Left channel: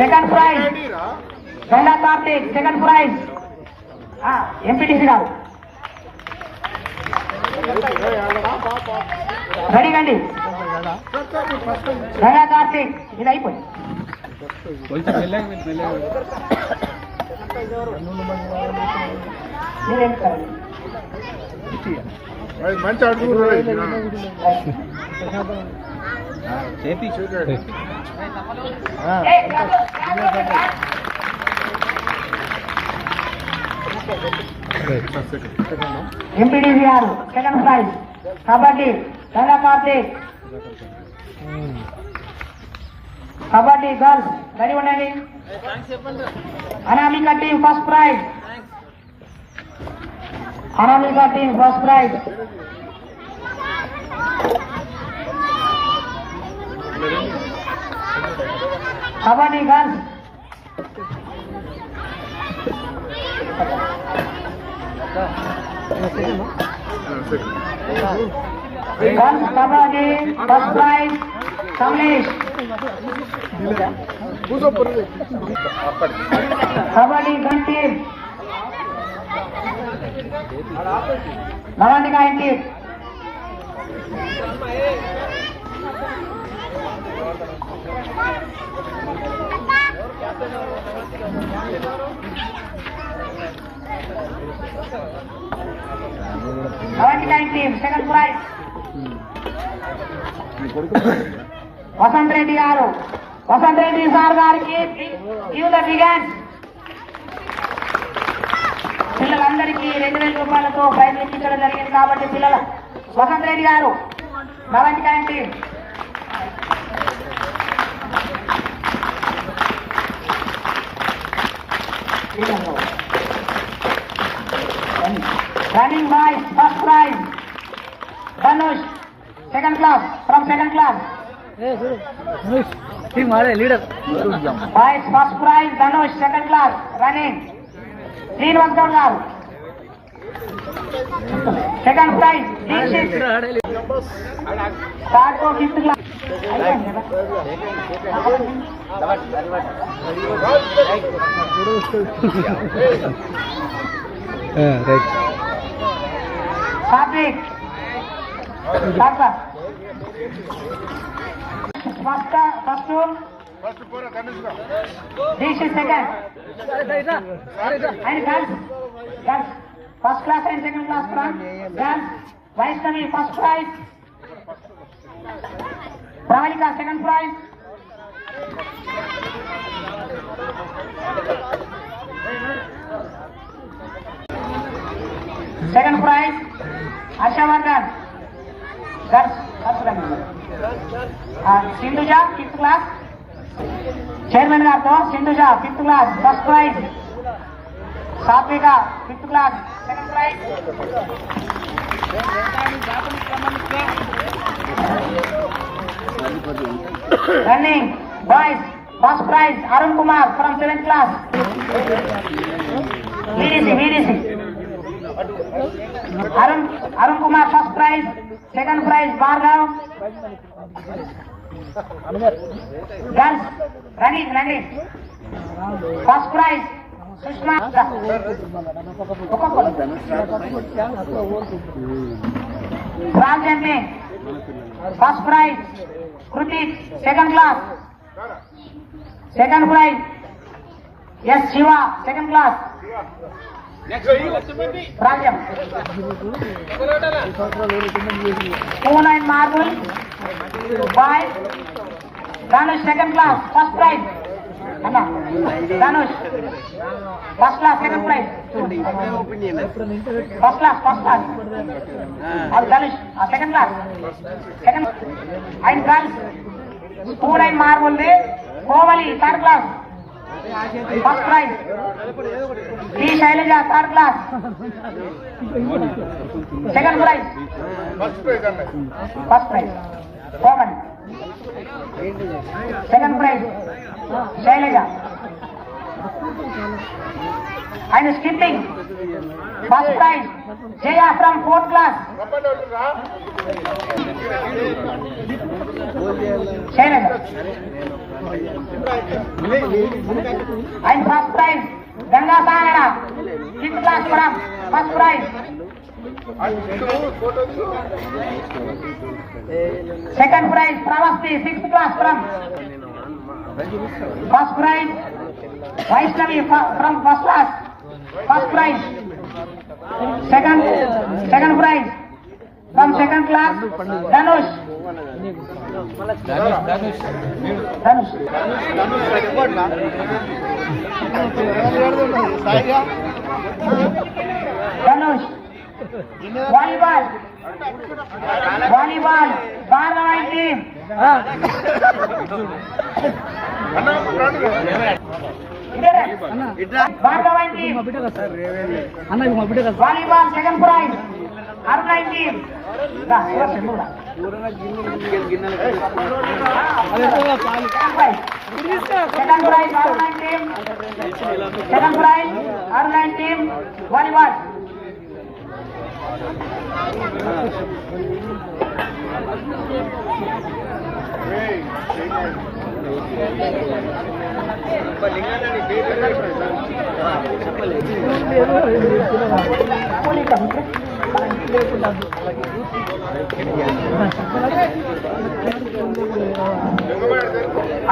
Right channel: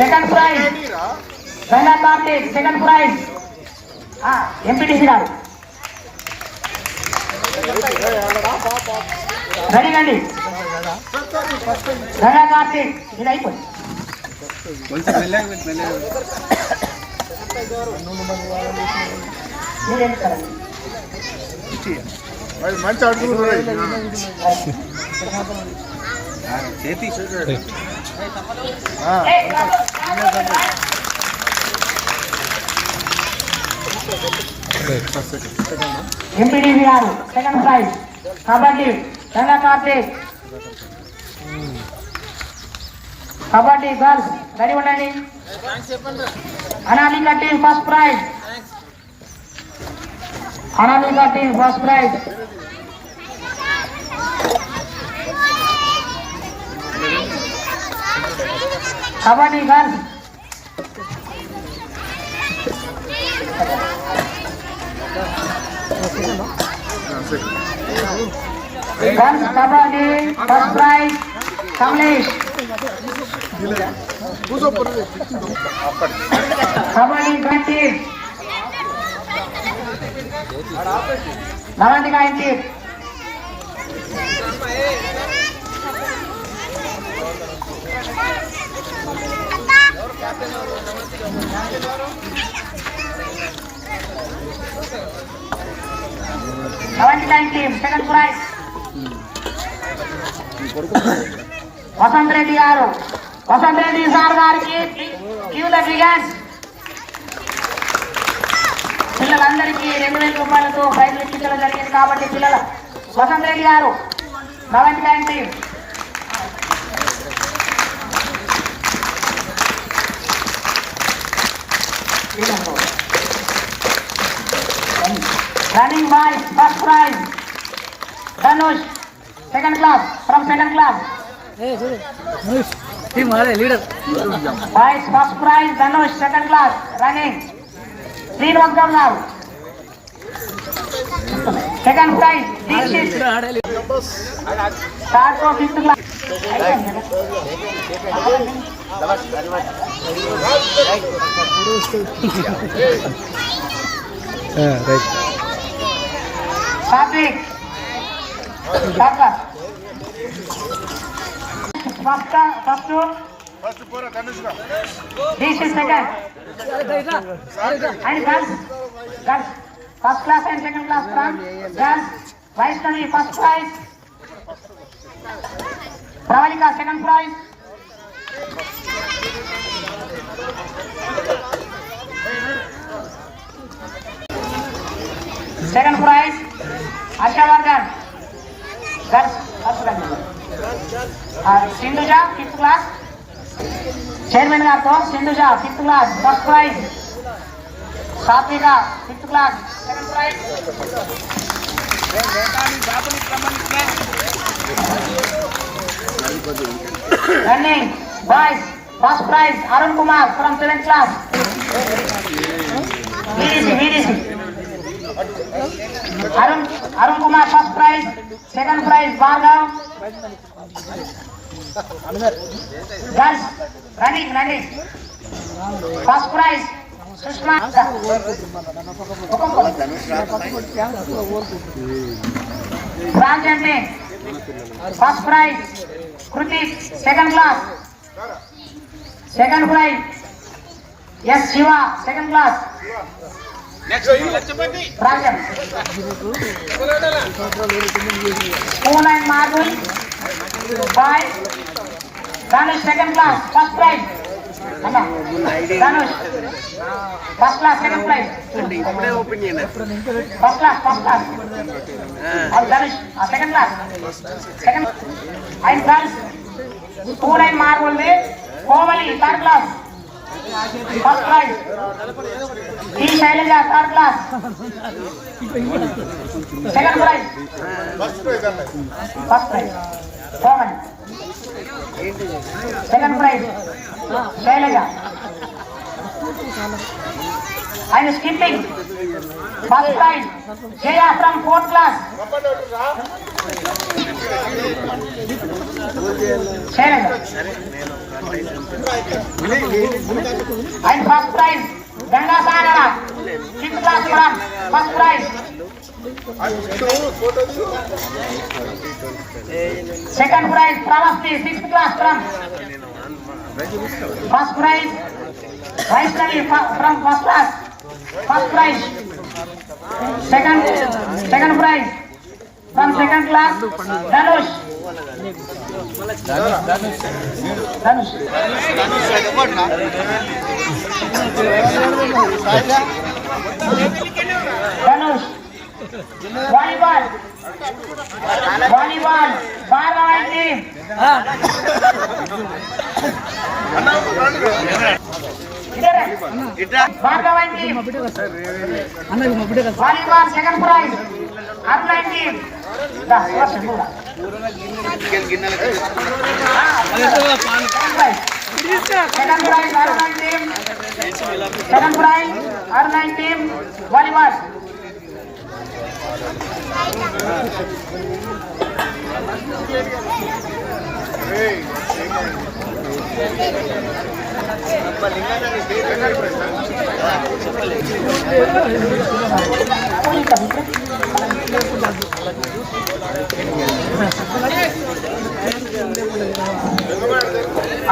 Second prize Ganga Karthik, second prize MPTC గారు. Ready రండి. గంగా కార్తీక్ ఇది అయిపోయింది. మంచి అడుగు ఎంపీడీసీ గారు second prize kabaddi Ganga Karthik. Kabaddi girls ready ఉండండి. Anamika team first prize. Anamika team first prize. Kabaddi girls girls kabaddi first prize Kamlesh. Kabaddi girl team Navantika team. Team second prize Vasanth Reddy garu. Vasanth Reddy సార్ గారికి పిల్లలందరికీ 2000 రూపాయలతో ప్రైజ్ ఇప్పించడం జరిగింది. కాబట్టి పిల్లల వసంత్ రెడ్డి గారు నవంతిక team. Running boys first prize Dhanush second class from second class. Team hare leader. Boys first prize Dhanush second class running. Clean work down now. Second prize Dikshit. Start to fifth class. Right. Satvik. First pura Dhanush ga. This is second. And girls. First class and second class from girls. Vaishnavi first prize. Pravalika second prize. Second prize Ashavardan girls first class. Sindhuja fifth class. Chairman garto Sindhuja fifth class first prize. Satvika fifth class second prize. Running boys first prize Arun Kumar from 7th class. Arun Kumar first prize, second prize Bhargav. Girls running. First prize Sushma. Rajante first prize Krutik second class. Second prize yes Shiva second class. Rajam Spoon and marble by Dhanush second class first prize. Dhanush first class second prize. First class Dhanush second class second. And girls spoon and marble Kovali third class first prize. E Shailaja third class second prize. First prize Roman second prize Shailaja. And skipping first prize Jaya from 4th class. And first prize Ganga సాగర 5th class from first prize. Second praise Pravasthi 6th class from first prize. Vaishnavi from first class first prize. Second prize from second class Dhanush. Volleyball Bharavan team. Bharavan team. Volleyball second prize Arnai team. Second prize Arnai team. Second prize Arnai team volleyball.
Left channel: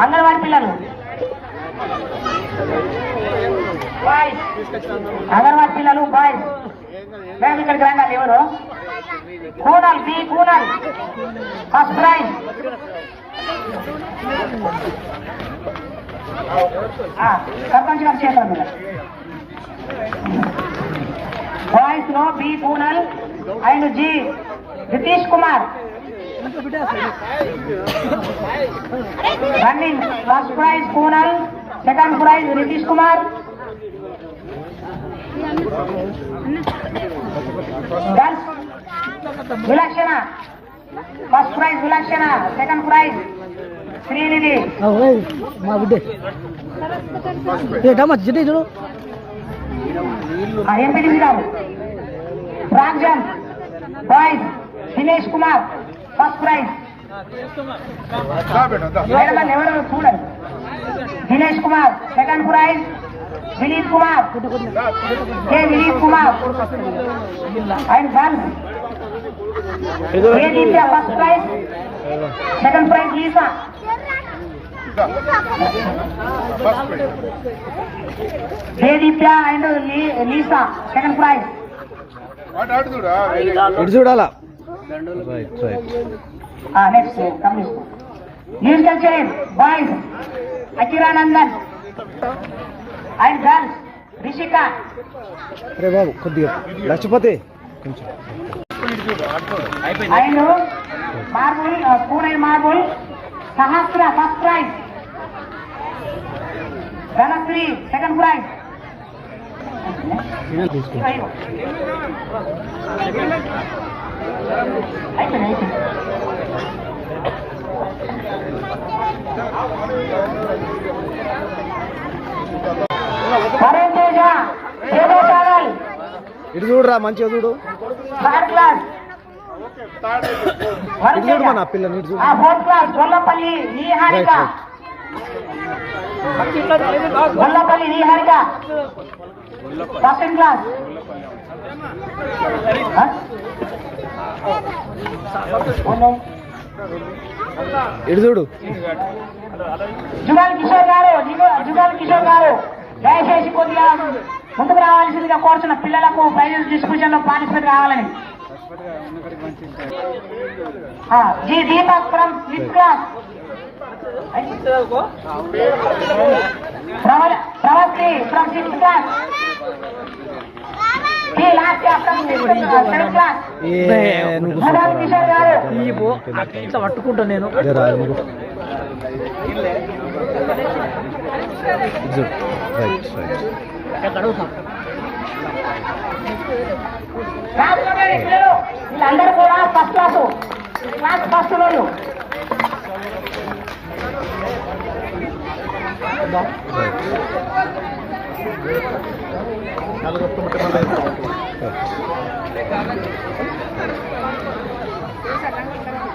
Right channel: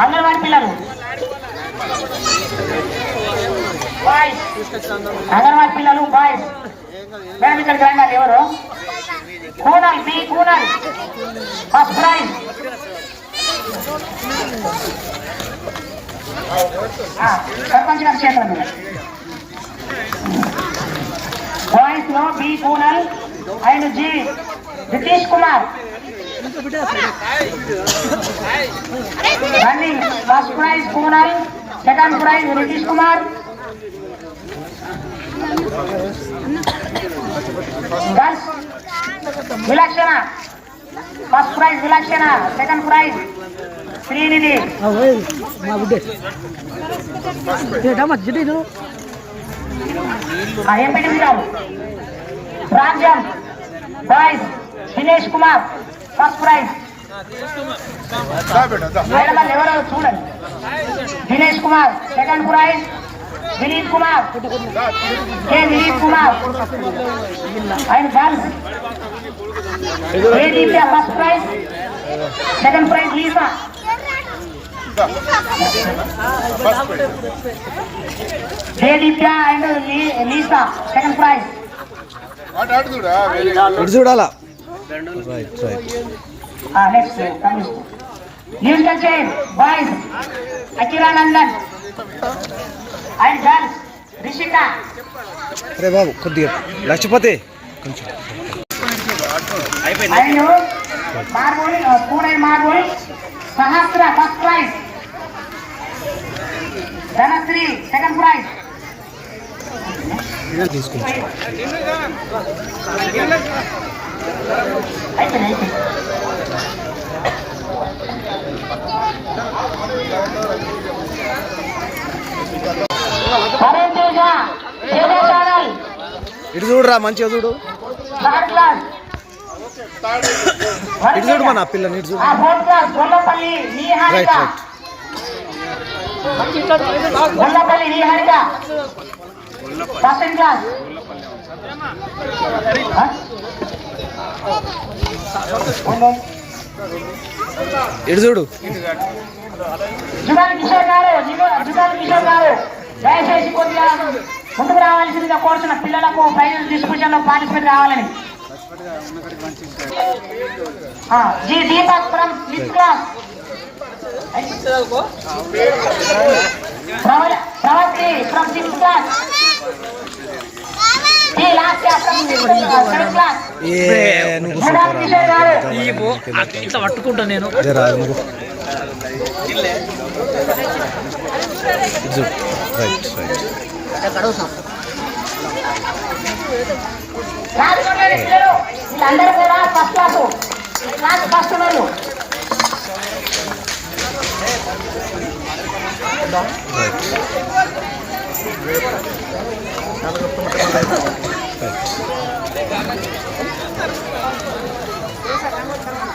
Anganwadi పిల్లలు boys, anganwadi పిల్లలు boys. Madam ఇక్కడ రండి. ఎవరు? Kunal B Kunal first prize. Sarpanch గారు చేయండి. Boys లో B Kunal and G Ritesh Kumar. Running first prize Kunal, second prize Ritesh Kumar. Girls Vilakshana first prize Vilakshana, second prize Srinidhi. ప్రాంజన్ boys Dinesh Kumar first prize. ఎవరు చూడండి. Dinesh Kumar second prize. Dilip Kumar Dilip Kumar and girls Deepya first prize, second prize Lisa. Deepya and Lisa second prize. చూడాలా. Next musical chair boys Akhiranandan and girls Rishika. అరే బాబు కొద్దిగా లక్ష్మీపతి కొంచెం. And marble spoon marble Sahasra first prize. Dhanashree second prize. అయిపోయింది. ఇటు చూడురా, మంచిగా చూడు. థర్డ్ క్లాస్ ఇటు చూడు మన పిల్లని, ఇటు చూడు. ఫోర్త్ క్లాస్ గొల్లపల్లి నిహారిక. గొల్లపల్లి నిహారిక సెకండ్ క్లాస్. ఇటు చూడు. జుగాల్ కిషోర్ గారు, జుగాల్ కిషోర్ గారు దయచేసి కొద్దిగా ముందుకు రావాల్సిందిగా కోరుతున్న పిల్లలకు ప్రైజ్ డిస్ట్రిబ్యూషన్ లో పార్టిసిపేట్ కావాలని. G Deepak from 5th class. Pravathi from 6th class. ఇట్లా పట్టుకుంటా నేను. వీళ్ళందరూ కూడా ఫస్ట్ క్లాసు, క్లాస్ ఫస్ట్ వాళ్ళు. రైట్. రైట్